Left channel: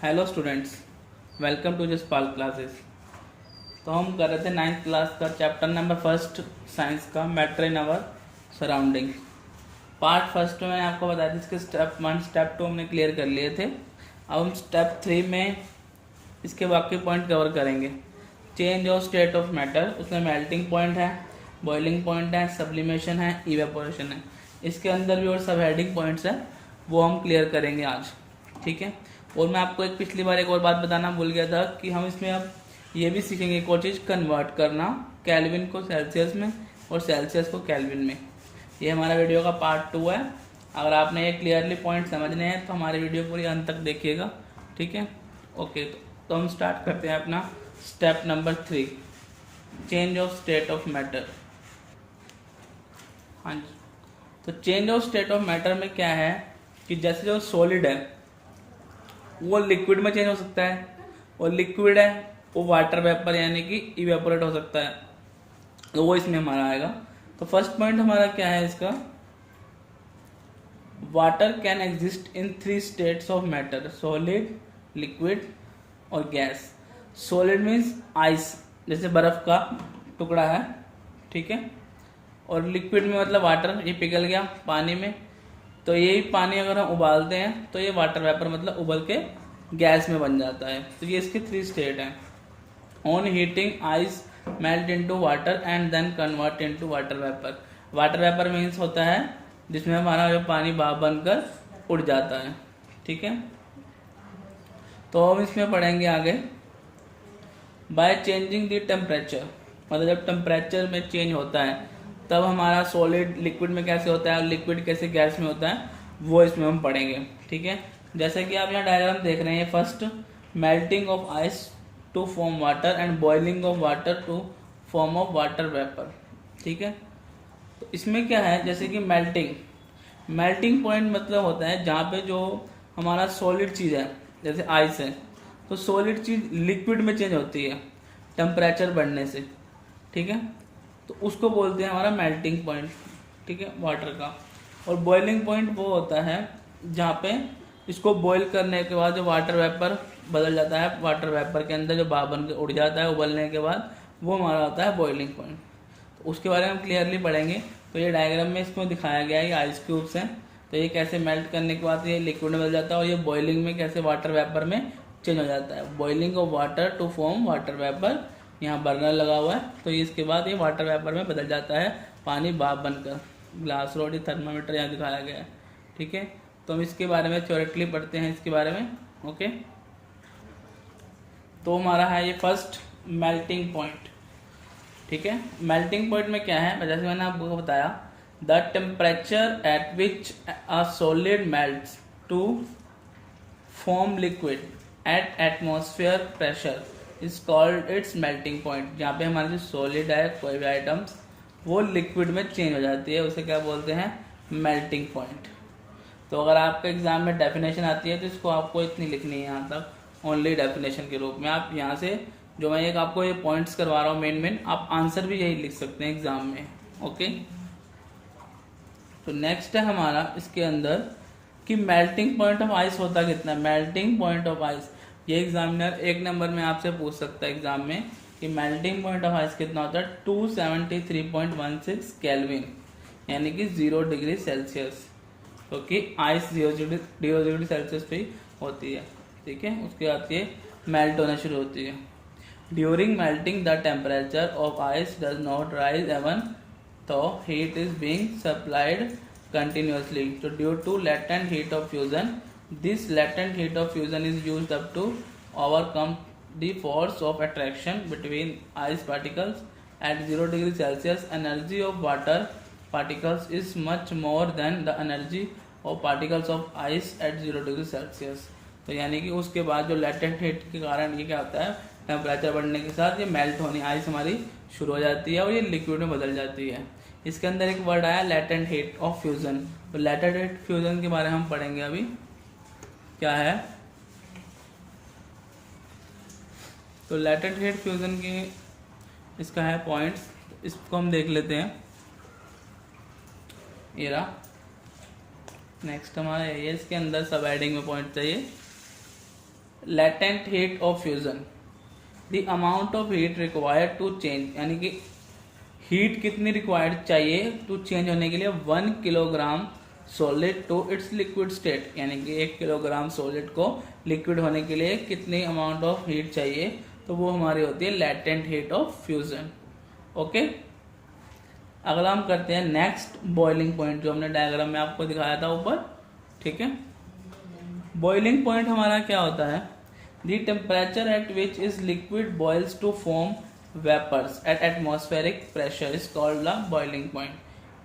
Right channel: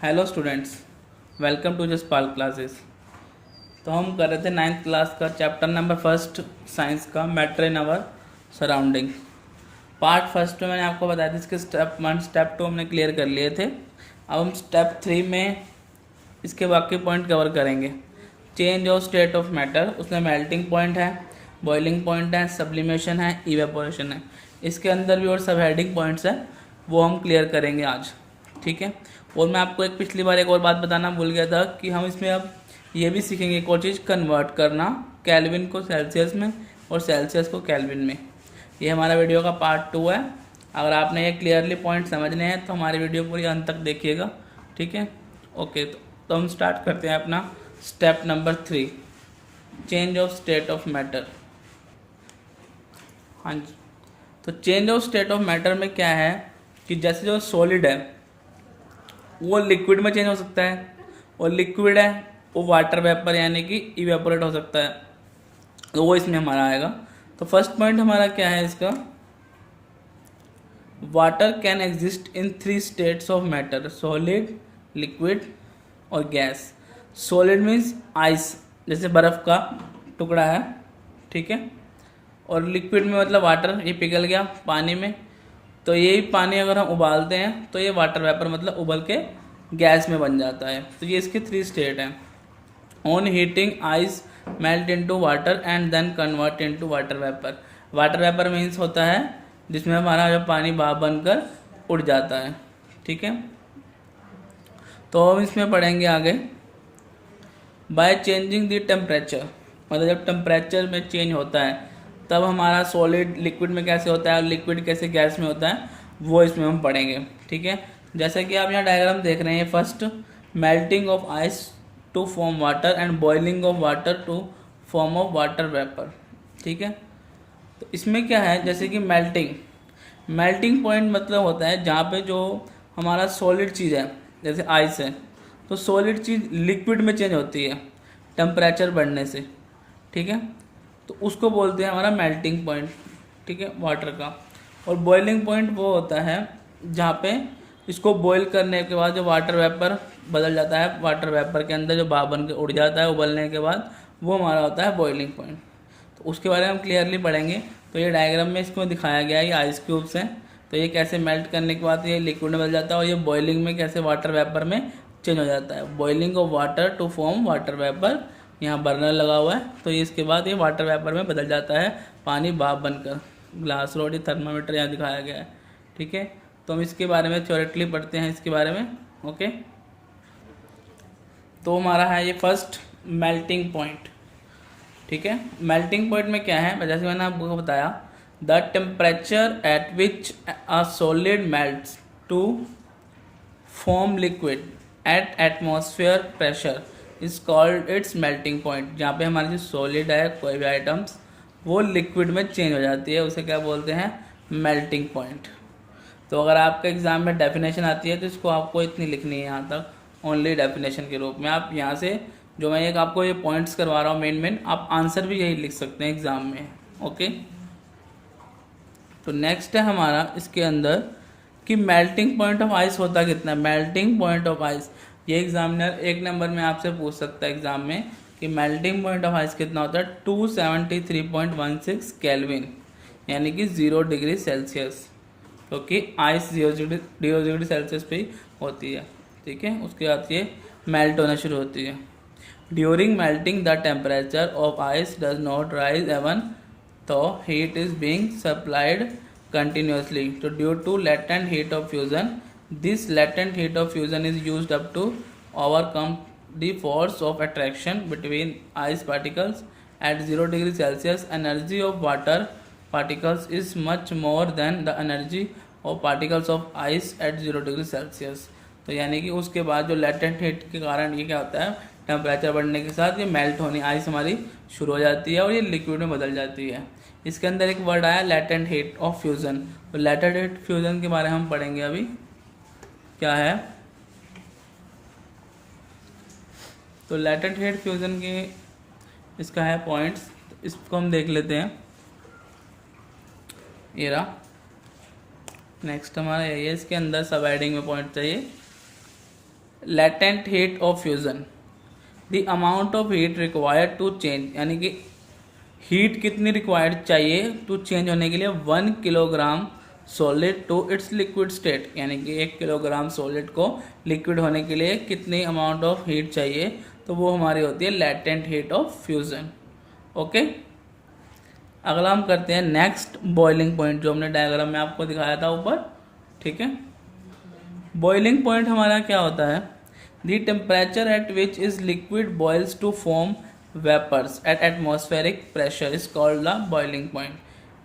Hello students, welcome to Jaspal classes. तो हम कर रहे थे 9th क्लास का चैप्टर नंबर फर्स्ट साइंस का matter in our surrounding. Part first में मैंने आपको बताया था, इसके स्टेप 1 स्टेप 2 हमने क्लियर कर लिए थे। अब हम स्टेप 3 में इसके बाकी पॉइंट कवर करेंगे। Change of state of matter, उसमें मेल्टिंग पॉइंट है, बॉइलिंग पॉइंट है, सब्लिमेशन है, इवेपोरेशन है। इसके अंदर भी और सब हेडिंग पॉइंट्स हैं, वो हम क्लियर करेंगे आज, ठीक है। और मैं आपको पिछली बार एक और बात बताना भूल गया था कि हम इसमें अब ये भी सीखेंगे एक और चीज़, कन्वर्ट करना केल्विन को सेल्सियस में और सेल्सियस को केल्विन में। ये हमारा वीडियो का पार्ट 2 है। अगर आपने ये क्लियरली पॉइंट समझने हैं तो हमारी वीडियो पूरी अंत तक देखिएगा, ठीक है। ओके, तो हम स्टार्ट करते हैं अपना step number 3, change of state of matter. हाँ जी, तो change of state of matter में क्या है कि जैसे जो सॉलिड है वो लिक्विड में चेंज हो सकता है, और लिक्विड है वो वाटर वेपर यानी कि इवेपोरेट हो सकता है, तो वो इसमें हमारा आएगा। तो फर्स्ट पॉइंट हमारा क्या है इसका, water can exist in 3 states of matter, solid, liquid और गैस। सॉलिड मीन्स आइस, जैसे बर्फ का टुकड़ा है, ठीक है। और लिक्विड में मतलब वाटर, ये पिघल गया पानी में, तो यही पानी अगर हम उबालते हैं तो ये वाटर वेपर मतलब उबल के गैस में बन जाता है। तो ये इसके 3 स्टेट हैं। On heating ice melt into water and then convert into water vapour. Water vapour means होता है जिसमें हमारा जो पानी भाप बनकर उड़ जाता है, ठीक है। तो हम इसमें पढ़ेंगे आगे, बाय चेंजिंग द टेम्परेचर, मतलब जब टेम्परेचर में चेंज होता है तब हमारा सॉलिड लिक्विड में कैसे होता है और लिक्विड कैसे गैस में होता है, वो इसमें हम पढ़ेंगे, ठीक है। जैसे कि आप यहाँ डायग्राम देख रहे हैं, first melting of ice to form water and boiling of water to form of water vapour, ठीक है। तो इसमें क्या है, जैसे कि मेल्टिंग पॉइंट मतलब होता है जहाँ पे जो हमारा सॉलिड चीज़ है, जैसे आइस है, तो सॉलिड चीज़ लिक्विड में चेंज होती है टेम्परेचर बढ़ने से, ठीक है। तो उसको बोलते हैं हमारा मेल्टिंग पॉइंट, ठीक है, वाटर का। और बॉइलिंग पॉइंट वो होता है जहाँ पे इसको बॉईल करने के बाद जो वाटर वेपर बदल जाता है, वाटर वेपर के अंदर जो भाप बन के उड़ जाता है उबलने के बाद, वो हमारा होता है बॉइलिंग पॉइंट। तो उसके बारे में हम क्लियरली पढ़ेंगे। तो ये डायग्राम में इसको दिखाया गया है, ये आइस क्यूब्स हैं, तो ये कैसे मेल्ट करने के बाद ये लिक्विड में बदल जाता है, और ये बॉइलिंग में कैसे वाटर वेपर में चेंज हो जाता है। Boiling of water to form water vapour, यहाँ बर्नर लगा हुआ है, तो इसके बाद ये वाटर वेपर में बदल जाता है, पानी भाप बनकर। ग्लास रोड, थर्मामीटर यहाँ दिखाया गया है, ठीक है। तो हम इसके बारे में थ्योरेटिकली पढ़ते हैं इसके बारे में, ओके। तो हमारा है ये फर्स्ट मेल्टिंग पॉइंट, ठीक है। मेल्टिंग पॉइंट में क्या है, जैसे मैंने आपको बताया, the temperature at which a solid melts to form liquid at atmosphere pressure is called its melting point. जहाँ पे हमारी सॉलिड है कोई भी आइटम्स, वो लिक्विड में चेंज हो जाती है, उसे क्या बोलते हैं, मेल्टिंग पॉइंट। तो अगर आपके एग्जाम में डेफिनेशन आती है तो इसको आपको इतनी लिखनी है यहाँ तक, ओनली डेफिनेशन के रूप में। आप यहाँ से जो मैं एक आपको ये पॉइंट्स करवा रहा हूँ मेन, आप आंसर भी यही लिख सकते हैं एग्जाम में, ओके। तो नेक्स्ट है हमारा इसके अंदर कि मेल्टिंग पॉइंट ऑफ आइस होता कितना है। मेल्टिंग पॉइंट ऑफ आइस, ये एग्जामिनर 1 नंबर में आपसे पूछ सकता है एग्जाम में कि मेल्टिंग पॉइंट ऑफ आइस कितना होता है, 273.16 केल्विन, यानी कि 0 डिग्री सेल्सियस, क्योंकि आइस 0 डिग्री सेल्सियस पे होती है, ठीक है। उसके बाद ये मेल्ट होना शुरू होती है। During melting the temperature of ice does not rise even though heat is being supplied continuously. So due to latent heat of fusion, this latent heat of fusion is used up to overcome the force of attraction between ice particles at 0 degree Celsius. Energy of water particles is much more than the energy of particles of ice at 0 degree Celsius. तो यानी कि उसके बाद जो latent heat के कारण ये क्या होता है, टेम्परेचर बढ़ने के साथ ये मेल्ट होनी, आइस हमारी शुरू हो जाती है और ये लिक्विड में बदल जाती है। इसके अंदर एक वर्ड आया लेटेंट हीट ऑफ फ्यूजन। तो लेटेंट हीट फ्यूजन के बारे में हम पढ़ेंगे अभी, क्या है। तो लेटेंट हीट फ्यूजन के इसका है पॉइंट्स, तो इसको हम देख लेते हैं। ये रहा, नेक्स्ट हमारा यही है, इसके अंदर सब हेडिंग में पॉइंट चाहिए। Latent heat of fusion, the amount of heat required to change, यानी कि हीट कितनी रिक्वायर्ड चाहिए टू चेंज होने के लिए 1 kilogram solid to its liquid state, यानी कि 1 किलोग्राम सॉलिड को लिक्विड होने के लिए कितनी अमाउंट ऑफ हीट चाहिए, तो वो हमारी होती है latent heat of fusion. Okay, अगला हम करते हैं नेक्स्ट बॉइलिंग पॉइंट, जो हमने डायग्राम में आपको दिखाया था ऊपर। ठीक है, बॉइलिंग पॉइंट हमारा क्या होता है, the temperature at which is liquid boils to form vapours at atmospheric pressure is called the boiling point.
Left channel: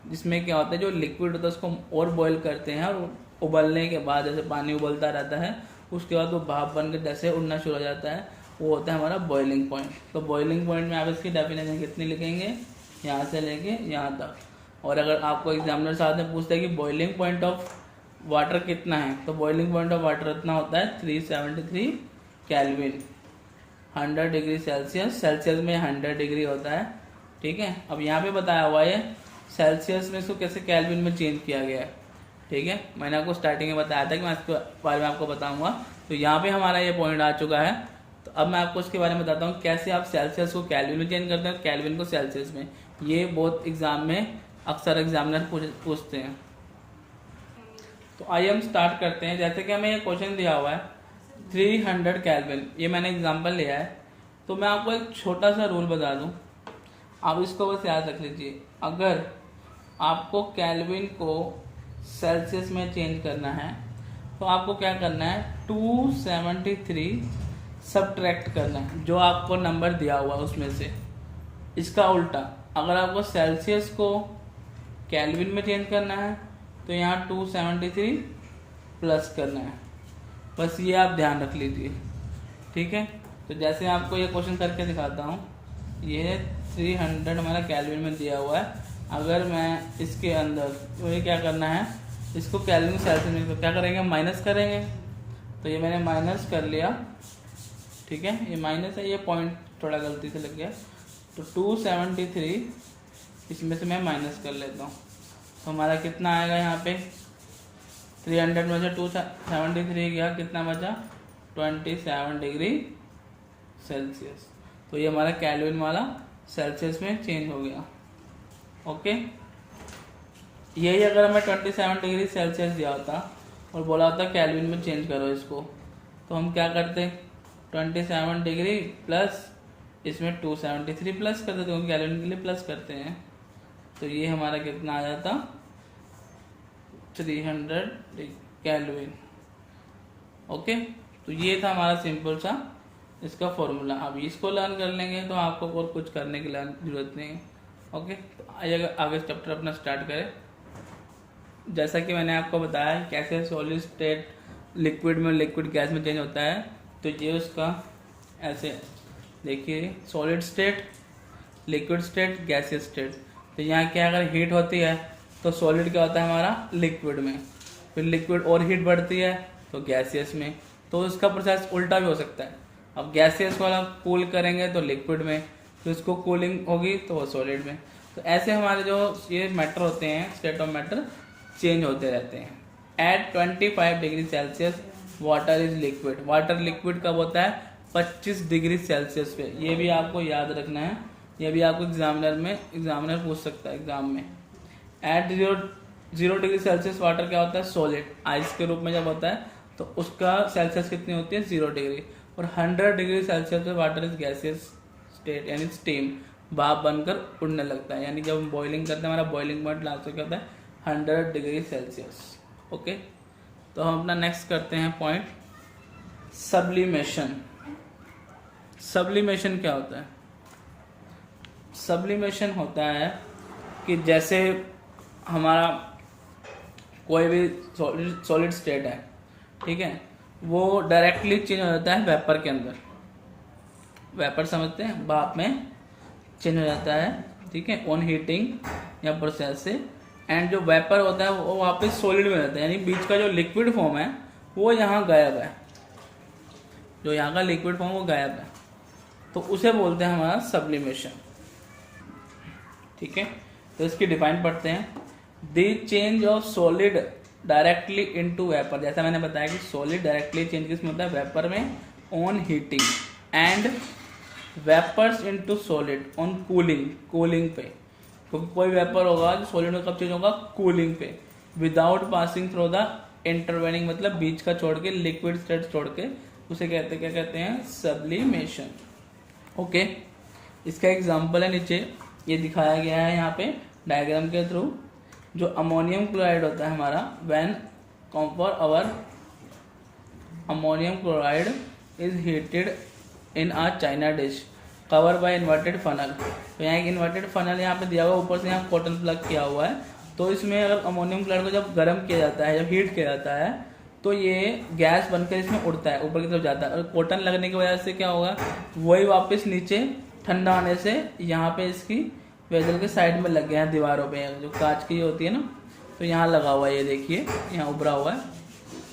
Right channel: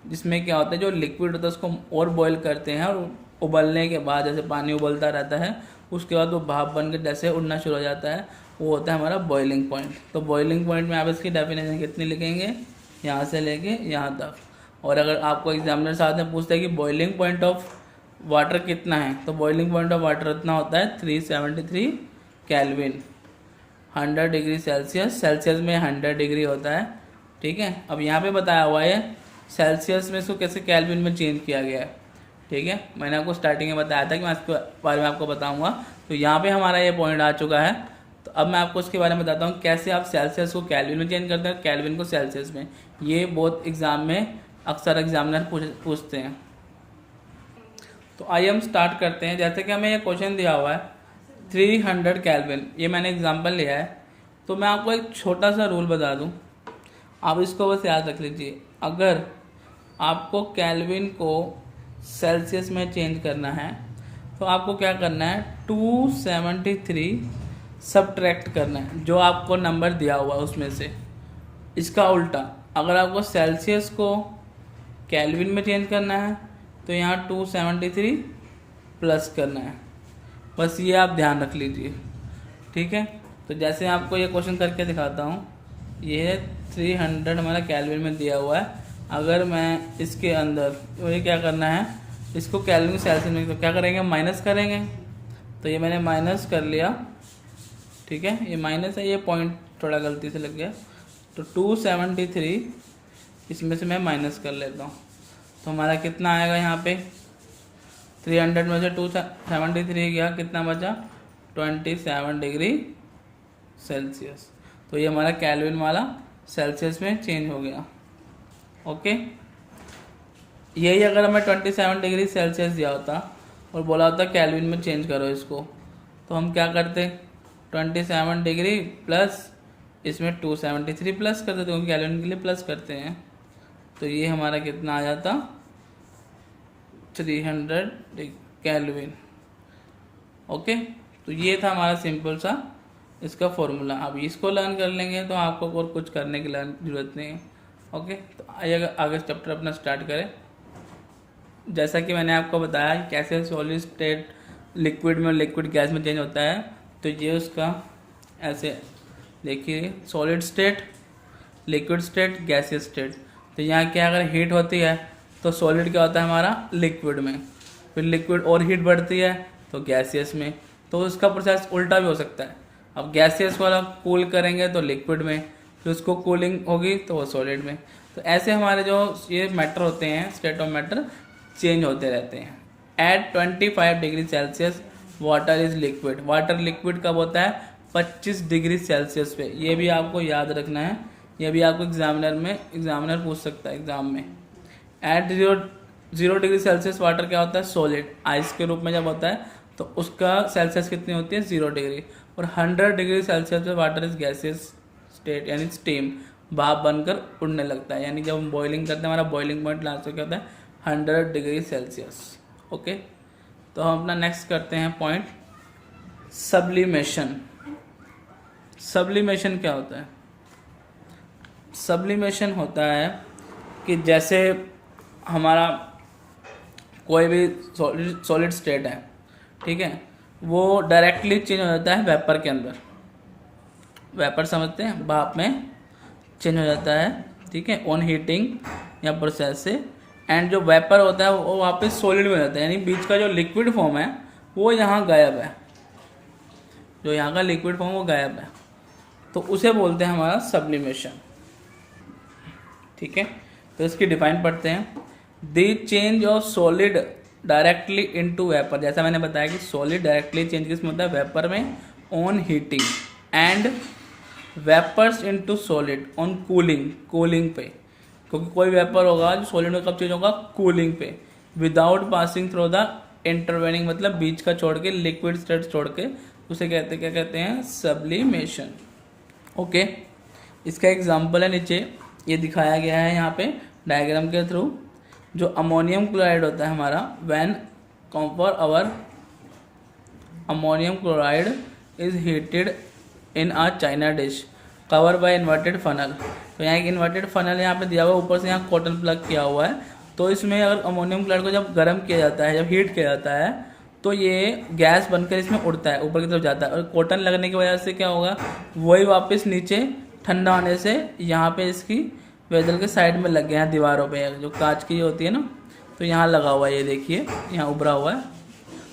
जिसमें क्या होता है, जो लिक्विड होता है उसको और बॉईल करते हैं, और उबलने के बाद जैसे पानी उबलता रहता है उसके बाद वो भाप बन के जैसे उड़ना शुरू हो जाता है, वो होता है हमारा बॉइलिंग पॉइंट। तो बॉइलिंग पॉइंट में आप इसकी डेफिनेशन कितनी लिखेंगे, यहाँ से लेके यहाँ तक। और अगर आपको एग्जामिनर साथ में पूछते हैं कि बॉइलिंग पॉइंट ऑफ वाटर कितना है, तो बॉइलिंग पॉइंट ऑफ वाटर उतना होता है 373 केल्विन, 100 डिग्री सेल्सियस, सेल्सियस में 100 डिग्री होता है। ठीक है, अब यहाँ पे बताया हुआ है सेल्सियस में इसको कैसे केल्विन में चेंज किया गया है। ठीक है, मैंने आपको स्टार्टिंग में बताया था कि मैं इसके बारे में आपको बताऊंगा। तो यहाँ पे हमारा ये पॉइंट आ चुका है, तो अब मैं आपको उसके बारे में बताता हूँ कैसे आप सेल्सियस को केल्विन में चेंज करते हैं, केल्विन को सेल्सियस में। ये बहुत एग्जाम में अक्सर एग्जामिनर पूछते हैं। तो आइए हम स्टार्ट करते हैं। जैसे कि हमें ये क्वेश्चन दिया हुआ है 300 केल्विन, ये मैंने एग्जाम्पल लिया है। तो मैं आपको एक छोटा सा रूल बता दूं, आप इसको बस याद रख लीजिए। अगर आपको केल्विन को सेल्सियस में चेंज करना है तो आपको क्या करना है, 273 सब्ट्रैक्ट करना है जो आपको नंबर दिया हुआ है उसमें से। इसका उल्टा, अगर आपको सेल्सियस को केल्विन में चेंज करना है तो यहाँ 273 प्लस करना है। बस ये आप ध्यान रख लीजिए। ठीक है, तो जैसे आपको ये क्वेश्चन करके दिखाता हूँ, ये 300 हमारा केल्विन में दिया हुआ है। अगर मैं इसके अंदर, तो ये क्या करना है, इसको केल्विन सेल्सियस में तो क्या करेंगे, माइनस करेंगे। तो ये मैंने माइनस कर लिया। ठीक है, ये माइनस है, ये पॉइंट थोड़ा गलती से लग गया। तो 273 इसमें से मैं माइनस कर लेता हूँ, तो हमारा कितना आएगा यहाँ पे, 300 में से 273 गया, कितना बचा, 27 डिग्री सेल्सियस। तो ये हमारा केल्विन वाला सेल्सियस में चेंज हो गया। ओके, यही अगर हमें 27 डिग्री सेल्सियस दिया होता और बोला होता केल्विन में चेंज करो इसको, तो हम क्या करते, 27 डिग्री प्लस इसमें 273 प्लस कर देते, क्योंकि केल्विन के लिए प्लस करते हैं। तो ये हमारा कितना आ जाता, 300 केल्विन। ओके, तो ये था हमारा सिंपल सा इसका फॉर्मूला। अब इसको लर्न कर लेंगे तो आपको और कुछ करने की जरूरत नहीं है। ओके, तो आइए आगे चैप्टर अपना स्टार्ट करें। जैसा कि मैंने आपको बताया कैसे सॉलिड स्टेट लिक्विड में, लिक्विड गैस में चेंज होता है। तो ये उसका ऐसे देखिए, solid state, liquid state, gaseous state. तो यहाँ क्या, अगर हीट होती है तो सॉलिड क्या होता है हमारा लिक्विड में, फिर लिक्विड और हीट बढ़ती है तो गैसियस में। तो उसका प्रोसेस उल्टा भी हो सकता है। अब गैसियस वाला कूल करेंगे तो लिक्विड में, फिर उसको कूलिंग होगी तो वो सॉलिड में। तो ऐसे हमारे जो ये मैटर होते हैं, स्टेट ऑफ मैटर चेंज होते रहते हैं। At 25 degree Celsius water is liquid. Water liquid कब होता है, 25 डिग्री सेल्सियस पे। ये भी आपको याद रखना है, ये भी आपको एग्जामिनर पूछ सकता है एग्जाम में। एट 0 डिग्री सेल्सियस वाटर क्या होता है, सॉलिड, आइस के रूप में जब होता है तो उसका सेल्सियस कितनी होती है, 0 डिग्री। और 100 डिग्री सेल्सियस पे वाटर इज गैसियस स्टेट, यानी स्टीम, भाप बनकर उड़ने लगता है। यानी जब हम बॉइलिंग करते हैं, हमारा बॉइलिंग पॉइंट लास्ट क्या होता है, 100 डिग्री सेल्सियस। ओके, तो हम अपना नेक्स्ट करते हैं पॉइंट, सब्लिमेशन। सब्लिमेशन क्या होता है, सब्लिमेशन होता है कि जैसे हमारा कोई भी सॉलिड स्टेट है, ठीक है, वो डायरेक्टली चेंज हो जाता है वेपर के अंदर। वेपर समझते हैं, भाप में चेंज हो जाता है, ठीक है, ऑन हीटिंग या प्रोसेस से। एंड जो वेपर होता है वो वापस सॉलिड में रहता है, यानी बीच का जो लिक्विड फॉर्म है वो यहाँ गायब है, जो यहाँ का लिक्विड फॉर्म वो गायब है। तो उसे बोलते हैं हमारा सब्लिमेशन। ठीक है, तो इसकी डिफाइन पढ़ते हैं। The change of solid directly into vapour, जैसा मैंने बताया कि सॉलिड डायरेक्टली चेंज किसमें होता है, वेपर में on heating, and vapours into solid on cooling, cooling पे, क्योंकि कोई वेपर होगा जो सॉलिड में कब चेंज होगा, कूलिंग पे, without passing through the intervening, मतलब बीच का छोड़ के, लिक्विड स्टेट छोड़ के, उसे कहते क्या कहते हैं, सब्लिमेशन। ओके, इसका एग्जांपल है नीचे ये दिखाया गया है यहाँ पे डायग्राम के थ्रू। जो अमोनियम क्लोराइड होता है हमारा, when copper our ammonium chloride is heated in a china dish cover by inverted funnel. तो यहाँ एक इन्वर्टेड फनल यहाँ पे दिया हुआ है, ऊपर से यहाँ कॉटन प्लग किया हुआ है। तो इसमें अगर अमोनियम क्लोराइड को जब गर्म किया जाता है, जब हीट किया जाता है, तो ये गैस बनकर इसमें उड़ता है, ऊपर की तरफ जाता है, और कॉटन लगने की वजह से क्या होगा, वही वापस नीचे ठंडा होने से यहाँ पे इसकी वेजल के साइड में लग गया है, दीवारों पे जो कांच की होती है ना, तो यहाँ लगा हुआ है, ये देखिए यहाँ उभरा हुआ है।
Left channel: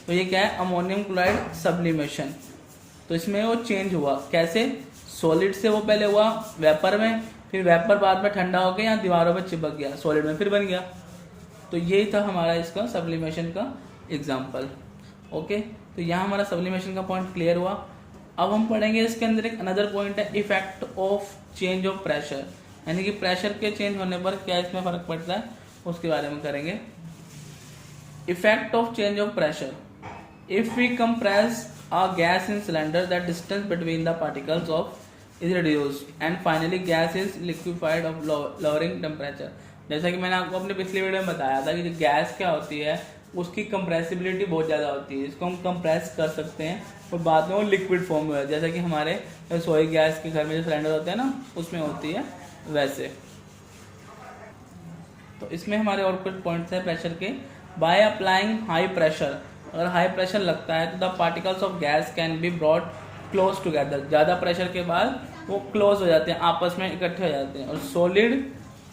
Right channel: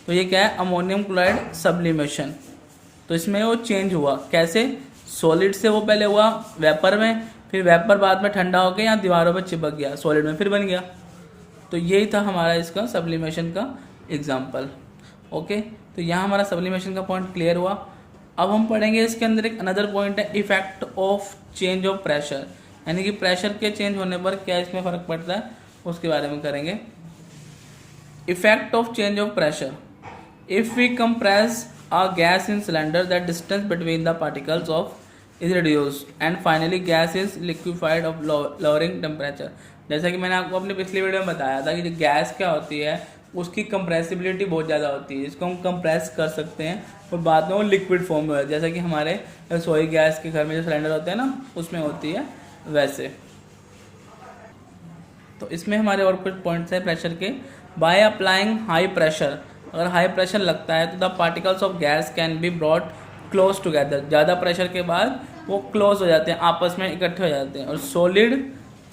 तो ये क्या है, अमोनियम क्लोराइड सब्लिमेशन। तो इसमें वो चेंज हुआ कैसे, सॉलिड से वो पहले हुआ वेपर में, फिर वेपर बाद में ठंडा होकर यहाँ दीवारों पर चिपक गया, सॉलिड में फिर बन गया। तो यही था हमारा इसका सब्लिमेशन का एग्जाम्पल। ओके, तो यहाँ हमारा सब्लिमेशन का पॉइंट क्लियर हुआ। अब हम पढ़ेंगे इसके अंदर एक अनदर पॉइंट है, effect of change of pressure, यानी कि प्रेशर के चेंज होने पर क्या इसमें फर्क पड़ता है, उसके बारे में करेंगे। Effect of change of pressure, if we compress a gas in cylinder, that distance between the particles of is reduced and finally gas is liquefied of lowering temperature। जैसा कि मैंने आपको अपने पिछली वीडियो में बताया था कि जो गैस क्या होती है उसकी कंप्रेसिबिलिटी बहुत ज़्यादा होती है, इसको हम कंप्रेस कर सकते हैं और बाद में वो लिक्विड फॉर्म में होता है, जैसा कि हमारे रसोई गैस के घर में जो सिलेंडर होते हैं ना उसमें होती है वैसे। तो इसमें हमारे और कुछ पॉइंट्स हैं प्रेशर के। बाय अप्लाइंग हाई प्रेशर, अगर हाई प्रेशर लगता है तो the particles of gas can be brought close together, ज़्यादा प्रेशर के बाद वो क्लोज हो जाते हैं, आपस में इकट्ठे हो जाते हैं। और सॉलिड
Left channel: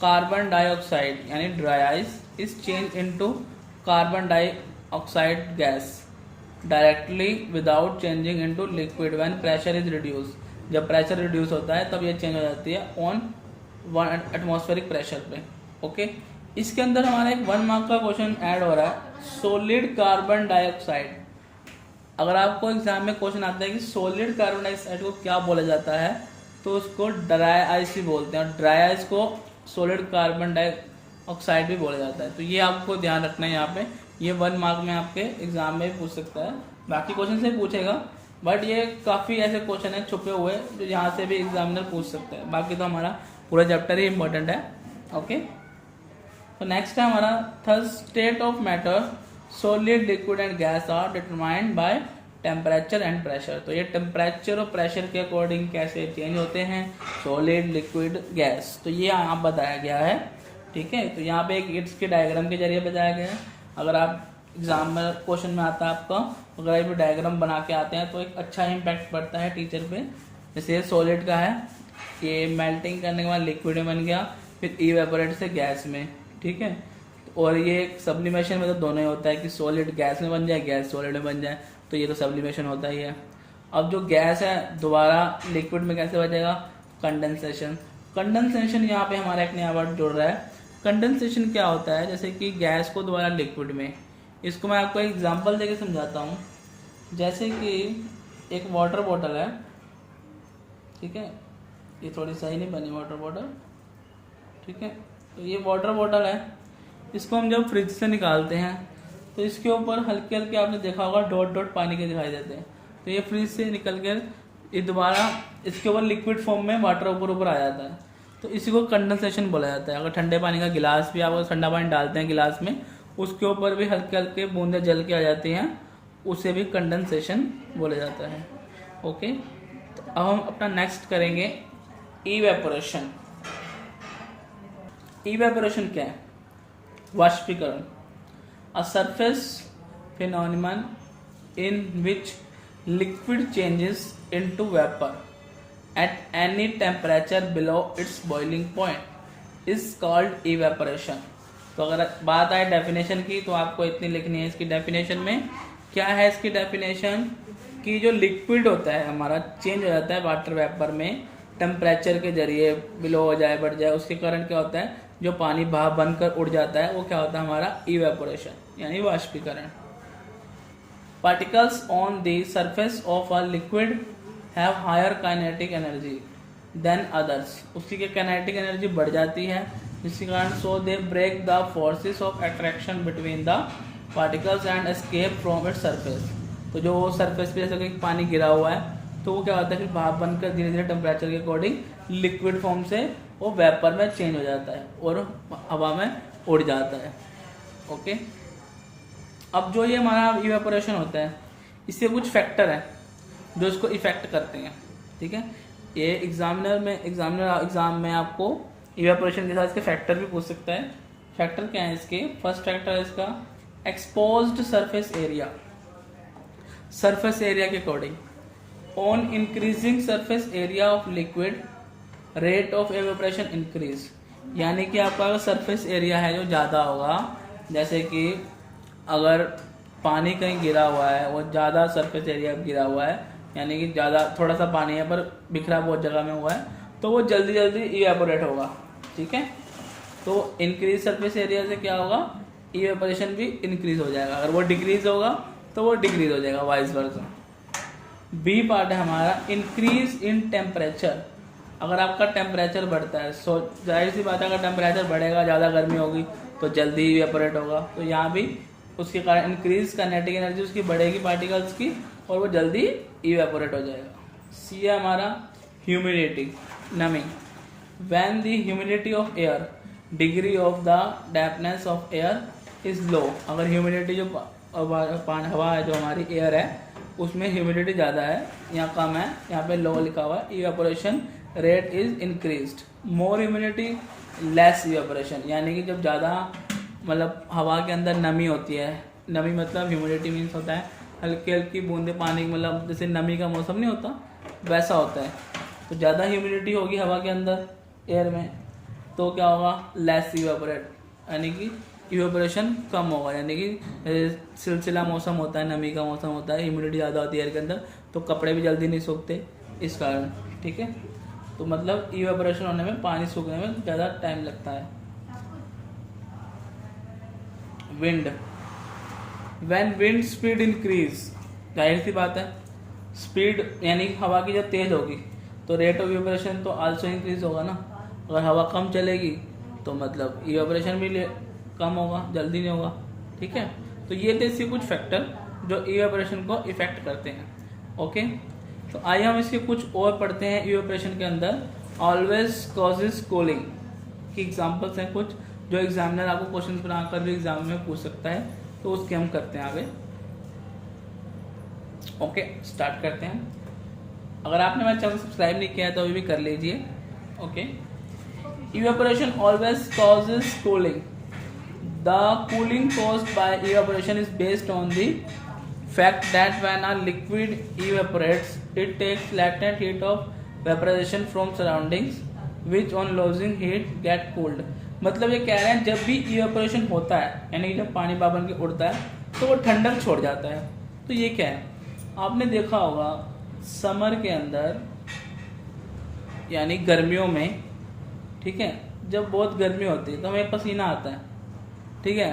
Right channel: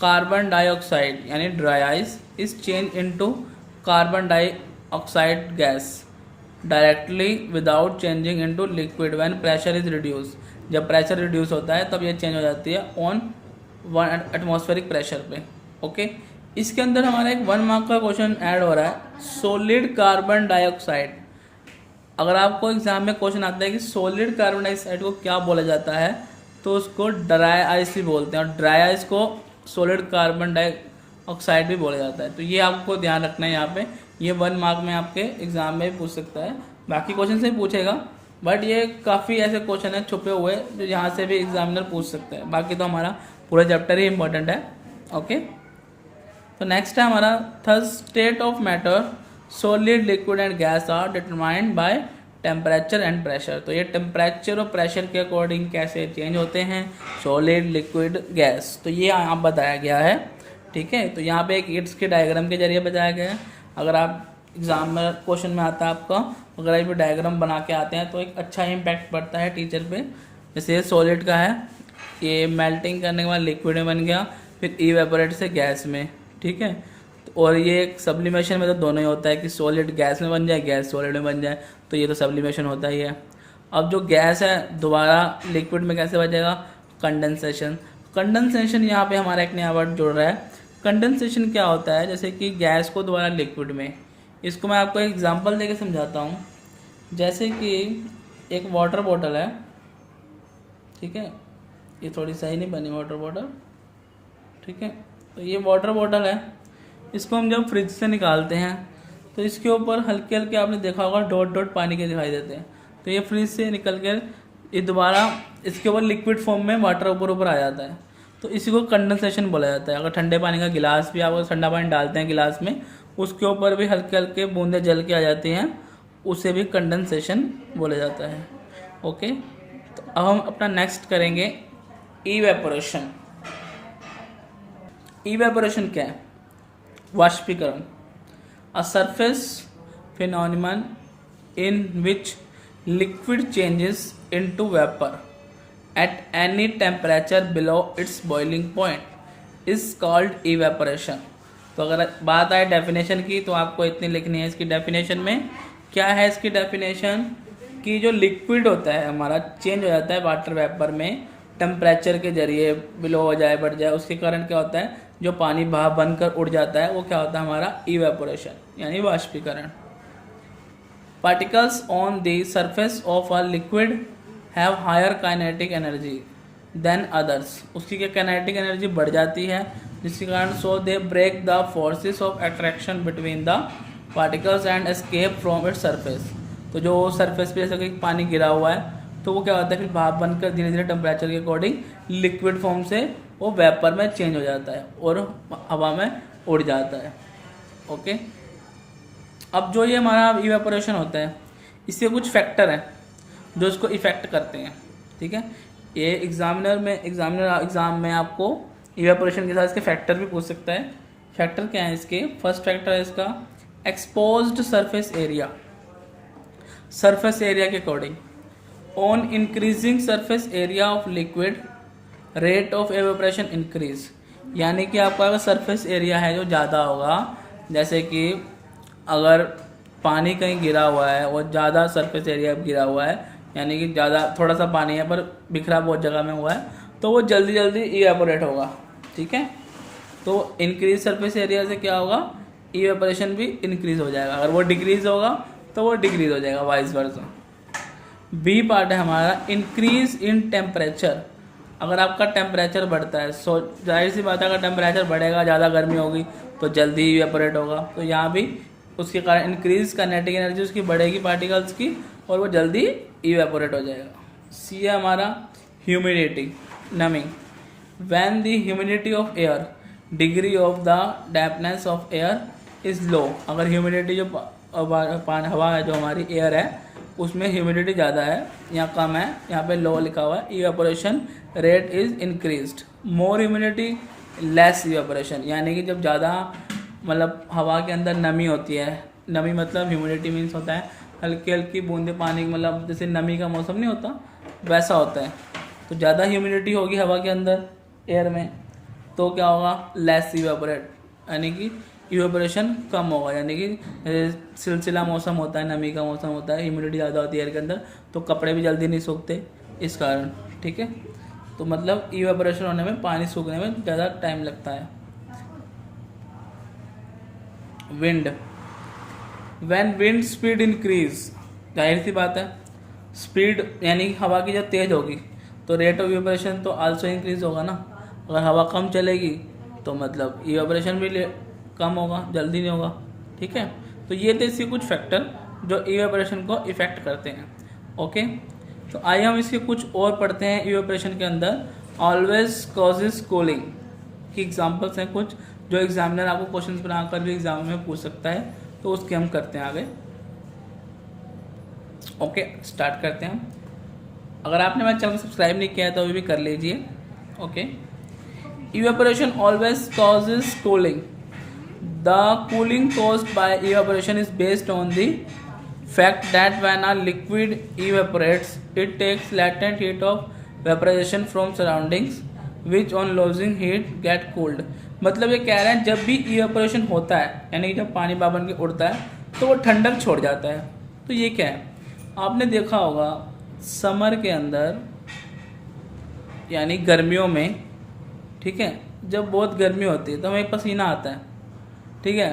कार्बन डाइऑक्साइड यानी dry ice is change into carbon dioxide gas directly without changing into liquid when pressure is reduce. जब प्रेशर रिड्यूस होता है तब ये चेंज हो जाती है ऑन 1 एटमॉस्फेरिक प्रेशर पे। ओके, इसके अंदर हमारा एक 1 मार्क का क्वेश्चन ऐड हो रहा है, सॉलिड कार्बन डाइऑक्साइड। अगर आपको एग्जाम में क्वेश्चन आता है कि सॉलिड कार्बन डाइऑक्साइड को क्या बोला जाता है, तो उसको ड्राई आइस भी बोलते हैं, और ड्राई आइस को सॉलिड कार्बन डाइऑक्साइड भी बोला जाता है। तो ये आपको ध्यान रखना है, यहाँ पे ये 1 मार्क में आपके एग्जाम में पूछ सकता है, बाकी क्वेश्चन से पूछेगा, बट ये काफ़ी ऐसे क्वेश्चन है छुपे हुए जो यहाँ से भी एग्जामिनर पूछ सकते हैं। बाकी तो हमारा पूरा चैप्टर ही इंपॉर्टेंट है। ओके, तो नेक्स्ट है हमारा third state of matter, solid liquid and gas are determined by temperature and pressure. तो ये टेम्परेचर और प्रेशर के अकॉर्डिंग कैसे चेंज होते हैं, सॉलिड लिक्विड गैस, तो ये यहाँ बताया गया है। ठीक है, तो यहाँ पे एक इट्स के डायग्राम के जरिए बताया गया है। अगर आप एग्जाम में क्वेश्चन में आता है आपका, अगर आप डायग्राम बना के आते हैं तो एक अच्छा इम्पैक्ट पड़ता है टीचर पे। जैसे सॉलिड का है, ये मेल्टिंग करने के बाद लिक्विड में बन गया, फिर इवेपोरेट से गैस में। ठीक है, और ये एक सब्लिमेशन में तो दोनों ही होता है कि सॉलिड गैस में बन जाए, गैस सॉलिड में बन जाए, तो ये तो सब्लिमेशन होता ही है। अब जो गैस है दोबारा लिक्विड में कैसे बचेगा, कंडेंसेशन। कंडेंसेशन यहाँ पे हमारा एक नया वर्ड जुड़ रहा है। कंडेंसेशन क्या होता है, जैसे कि गैस को दोबारा लिक्विड में, इसको मैं आपको एक एग्जांपल देके समझाता हूँ। जैसे कि एक वाटर बॉटल है, ठीक है, ये थोड़ी सही नहीं बनी वाटर बॉटल, ठीक है, तो ये वाटर बॉटल है, इसको हम जब फ्रिज से निकालते हैं तो इसके ऊपर हल्के हल्के आपने देखा होगा डॉट डॉट पानी के दिखाई देते हैं। तो ये फ्रिज से निकल कर ये दोबारा इसके ऊपर लिक्विड फॉर्म में वाटर ऊपर आ जाता है, तो इसी को कंडेंसेशन बोला जाता है। अगर ठंडे पानी का गिलास भी आप ठंडा पानी डालते हैं गिलास में, उसके ऊपर भी हल्के हल्के बूंदे जल के आ जाती हैं, उसे भी कंडेंसेशन बोला जाता है। ओके, तो अब हम अपना नेक्स्ट करेंगे इवेपोरेशन। इवेपोरेशन क्या है, वाष्पीकरण, a surface phenomenon in which liquid changes into vapour at any temperature below it's boiling point is called evaporation. तो अगर बात आए डेफिनेशन की तो आपको इतनी लिखनी है इसकी डेफिनेशन में। क्या है इसकी डेफिनेशन, कि जो लिक्विड होता है हमारा चेंज हो जाता है वाटर वेपर में टेम्परेचर के जरिए, बिलो हो जाए बढ़ जाए, उसके कारण क्या होता है जो पानी भाप बनकर उड़ जाता है वो क्या होता है हमारा इवेपोरेशन यानी वाष्पीकरण। Particles on the surface of a liquid have higher kinetic energy than others, उसकी क्या काइनेटिक एनर्जी बढ़ जाती है जिसके कारण so they break the forces of attraction between the particles and escape from its surface. तो जो सरफेस पे जैसे कि पानी गिरा हुआ है तो वो क्या होता है फिर भाप बनकर धीरे धीरे टेम्परेचर के अकॉर्डिंग लिक्विड फॉर्म से वो वेपर में चेंज हो जाता है और हवा में उड़ जाता है। ओके, अब जो ये हमारा इवेपोरेशन होता है इससे कुछ फैक्टर हैं जो इसको इफेक्ट करते हैं। ठीक है, ये एग्जाम में आपको इवेपोरेशन के साथ इसके फैक्टर भी पूछ सकता है। फैक्टर क्या है इसके? फर्स्ट फैक्टर है इसका exposed surface area, surface area के according on increasing surface area of liquid rate of evaporation increase, यानी कि आपका सरफेस एरिया है जो ज़्यादा होगा, जैसे कि अगर पानी कहीं गिरा हुआ है और ज़्यादा सरफेस एरिया गिरा हुआ है यानी कि ज़्यादा थोड़ा सा पानी है पर बिखरा बहुत जगह में हुआ है तो वो जल्दी जल्दी इवेपोरेट होगा। ठीक है, तो इंक्रीज सरफेस एरिया से क्या होगा, इवेपोरेशन भी इंक्रीज हो जाएगा। अगर वो डिक्रीज होगा तो वो डिक्रीज हो जाएगा, वाइस वर्सा। बी पार्ट है हमारा इंक्रीज इन टेम्परेचर। अगर आपका टेम्परेचर बढ़ता है सो जाहिर सी बात है अगर टेम्परेचर बढ़ेगा, ज़्यादा गर्मी होगी तो जल्दी इवेपोरेट होगा, तो यहाँ भी उसके कारण इंक्रीज काइनेटिक एनर्जी उसकी बढ़ेगी पार्टिकल्स की और वो जल्दी इवेपोरेट हो जाएगा। सी है हमारा humidity, numbing. When the humidity of air, degree of the dampness of air is low, अगर ह्यूमिडिटी जो हवा है जो हमारी एयर है उसमें ह्यूमिडिटी ज़्यादा है, यहाँ कम है, यहाँ पे लो लिखा हुआ है, evaporation rate is increased. More humidity less evaporation, यानी कि जब ज़्यादा मतलब हवा के अंदर नमी होती है, नमी मतलब ह्यूमिडिटी मीन्स होता है हल्की हल्की बूंदे पानी, मतलब जैसे नमी का मौसम नहीं होता वैसा होता है। तो ज़्यादा ह्यूमिडिटी होगी हवा के अंदर एयर में तो क्या होगा, लेस इवेपोरेट, यानी कि इवेपोरेशन कम होगा, यानी कि सिलसिला मौसम होता है, नमी का मौसम होता है, ह्यूमिडिटी ज़्यादा होती है एयर के अंदर तो कपड़े भी जल्दी नहीं सूखते इस कारण। ठीक है, तो मतलब इवेपोरेशन होने में, पानी सूखने में ज़्यादा टाइम लगता है। Wind, when wind speed increase, जाहिर सी बात है स्पीड यानी हवा की जब तेज होगी तो रेट ऑफ इवेपोरेशन तो आल्सो इंक्रीज होगा ना। अगर हवा कम चलेगी तो मतलब इवेपोरेशन भी कम होगा, जल्दी नहीं होगा। ठीक है, तो ये थे इसके कुछ फैक्टर जो इवेपोरेशन को इफेक्ट करते हैं। ओके, तो आइए हम इसके कुछ और पढ़ते हैं। इवेपोरेशन के अंदर ऑलवेज कॉजेज कूलिंग की एग्जांपल्स हैं कुछ जो एग्जामिनर आपको क्वेश्चन बनाकर भी एग्जाम में पूछ सकता है, तो उसके हम करते हैं आगे। ओके, स्टार्ट करते हैं। अगर आपने मेरा चैनल सब्सक्राइब नहीं किया है तो भी कर लीजिए। Okay, evaporation always causes cooling. The cooling caused by evaporation is based on the fact that when a liquid evaporates it takes latent heat of vaporization from surroundings which on losing heat get cooled। मतलब ये कह रहे हैं जब भी evaporation होता है यानी जब पानी बन के उड़ता है तो वो ठंडक छोड़ जाता है। तो ये क्या है, आपने देखा होगा समर के अंदर यानी गर्मियों में, ठीक है, जब बहुत गर्मी होती है तो हमें पसीना आता है। ठीक है,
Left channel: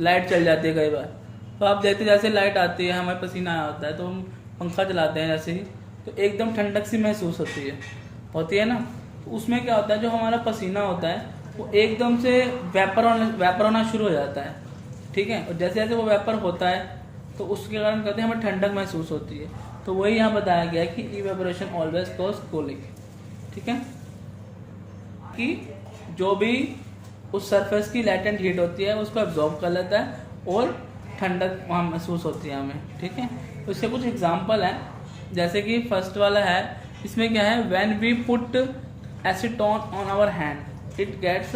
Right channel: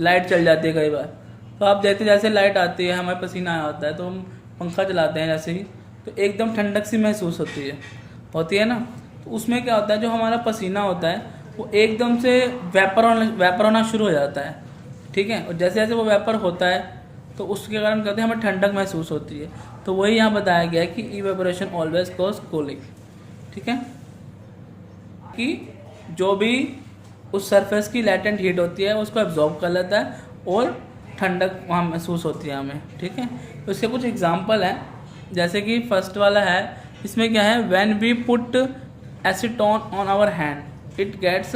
लाइट चल जाती है कई बार तो आप देखते जैसे लाइट आती है हमें पसीना आया होता है तो हम पंखा चलाते हैं जैसे ही तो एकदम ठंडक सी महसूस होती है ना। तो उसमें क्या होता है जो हमारा पसीना होता है वो एकदम से वेपर होना शुरू हो जाता है। ठीक है, और जैसे जैसे वो वेपर होता है तो उसके कारण कहते हैं हमें ठंडक महसूस होती है। तो वही यहाँ बताया गया है कि इवेपोरेशन ऑलवेज कॉज कूलिंग। ठीक है, कि जो भी उस सरफेस की लैटेंट हीट होती है उसको एब्जॉर्ब कर लेता है और ठंडक वहाँ महसूस होती है हमें। ठीक है, तो इसके कुछ एग्जांपल हैं, जैसे कि फर्स्ट वाला है, इसमें क्या है, when we put acetone on our hand it gets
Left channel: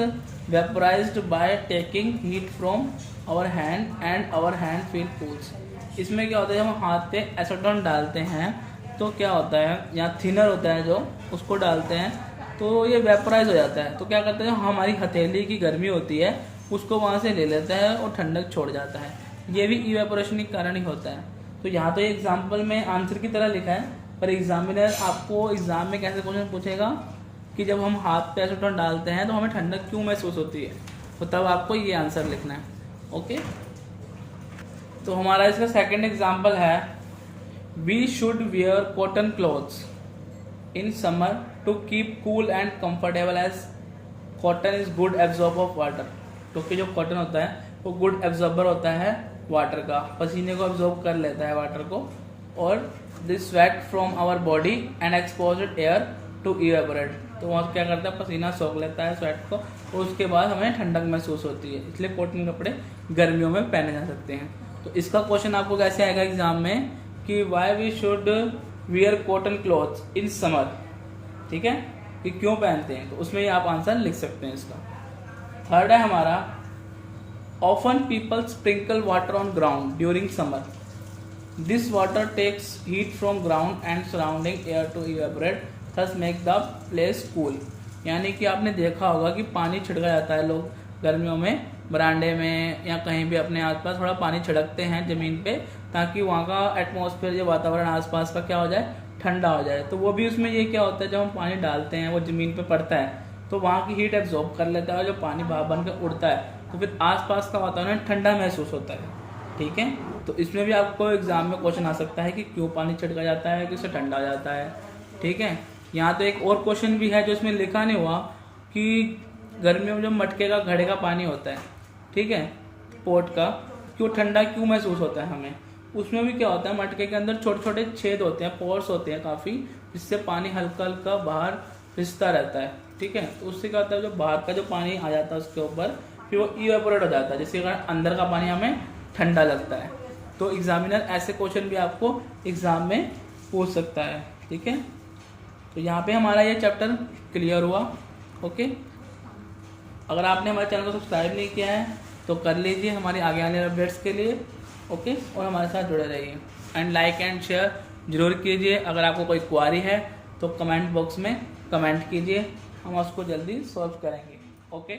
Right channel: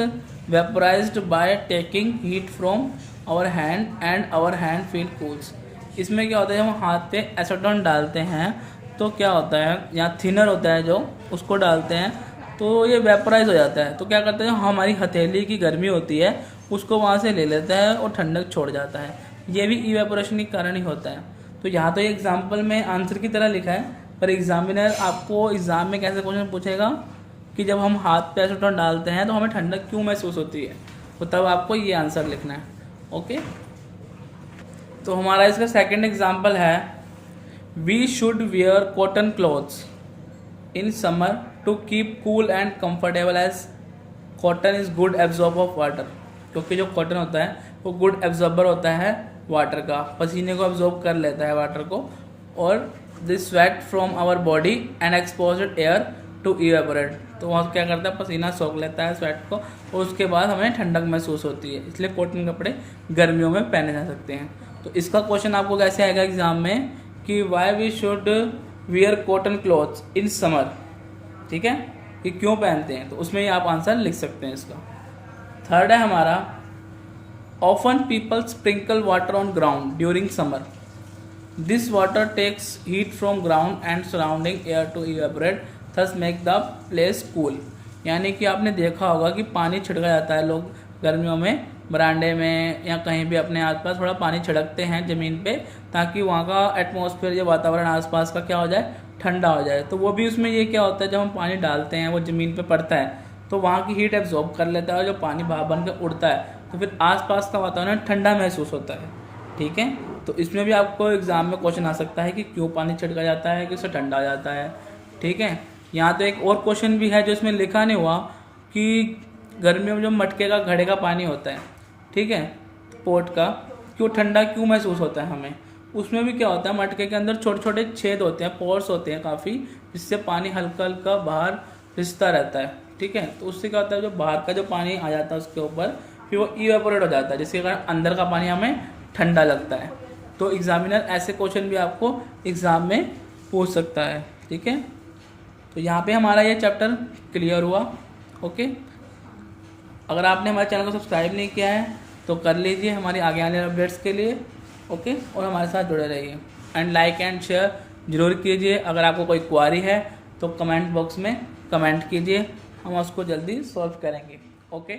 vaporized by taking heat from our hand and our hand feel cools. इसमें क्या होता है, हम हाथ पे एसीटोन डालते हैं तो क्या होता है, यहाँ थिनर होता है जो उसको डालते हैं तो ये वेपराइज हो जाता है। तो क्या करते हैं, हमारी हथेली की गर्मी होती है उसको वहाँ से ले लेता है और ठंडक छोड़ जाता है। ये भी इवेपोरेशन के कारण ही होता है। तो यहाँ तो एग्जाम्पल में आंसर की तरह लिखा है, पर एग्जामिनर आपको एग्जाम में कैसे क्वेश्चन पूछेगा कि जब हम हाथ पे एसीटोन डालते हैं तो हमें ठंडक क्यों महसूस होती है, तो तब आपको ये आंसर लिखना है। ओके, तो हमारा इसका सेकंड एग्जांपल है, we should wear cotton clothes in summer to keep cool and comfortable as cotton is good absorber of water. क्योंकि जो कॉटन होता है वो गुड एब्जॉर्बर होता है वाटर का, पसीने को एब्जॉर्ब कर लेता है वाटर को, और this sweat from our body and exposed air to evaporate. तो वहाँ क्या करता है, पसीना सोख लेता है स्वेट को, और उसके बाद हमें ठंडक महसूस होती है, इसलिए कॉटन कपड़े गर्मियों में पहने जा सकते हैं। तो इसका क्वेश्चन आपको कैसे आएगा एग्जाम में कि why we should wear cotton clothes in summer, ठीक है, कि क्यों पहनते हैं, तो उसमें आप आंसर लिख सकते हैं इसका। थर्ड है हमारा, often people sprinkle water on ground during summer, this water takes heat from ground and surrounding air to evaporate thus make the place cool. यानी कि आपने देखा होगा कि पानी छिड़का जाता है, लोग गर्मियों में बरांडे में या कहीं भी अपने आसपास थोड़ा पानी छिड़कते हैं ज़मीन पे, ताकि वहाँ का एटमॉस्फेयर, जो वातावरण आसपास का क्या हो जाए, ठंडा हो जाए। तो वो भी उसमें ये क्या होता है, जब हम पानी डालते हैं वो ज़मीन पे पड़ता है तो वहाँ की हीट एब्जॉर्ब कर लेता है, और जो पानी भाप बन के उड़ता है तो फिर आसपास का वातावरण ठंडा महसूस होता है। ठीक है, तो इसमें भी आपको एग्जाम में क्वेश्चन आ सकता है कि क्यों पानी छिड़का जाता है, कि उससे ठंडा हो जाता है। ठीक है, यहाँ तो एक और क्वेश्चन भी है जो इसमें लिखा नहीं हुआ कि गर्मियों में जो मटके का, घड़े का पानी होता है, ठीक है, पोट का, क्यों ठंडा क्यों महसूस होता है हमें। उसमें भी क्या होता है, मटके के अंदर छोटे छोटे छेद होते हैं, पोर्स होते हैं काफ़ी, जिससे पानी हल्का हल्का बाहर रिसता रहता है। ठीक है, तो उससे क्या होता है, जो बाहर का जो पानी आ जाता है उसके ऊपर, फिर वो इवेपोरेट हो जाता है, जिसके कारण अंदर का पानी हमें ठंडा लगता है। तो एग्जामिनर ऐसे क्वेश्चन भी आपको एग्जाम में पूछ सकता है। ठीक है, तो यहाँ पे हमारा ये चैप्टर क्लियर हुआ। ओके, अगर आपने हमारे चैनल को सब्सक्राइब नहीं किया है तो कर लीजिए हमारे आगे आने वाले अपडेट्स के लिए। ओके, और हमारे साथ जुड़े रहिए, एंड लाइक एंड शेयर जरूर कीजिए। अगर आपको कोई क्वारी है तो कमेंट बॉक्स में कमेंट कीजिए, हम उसको जल्दी सॉल्व करेंगे। ओके।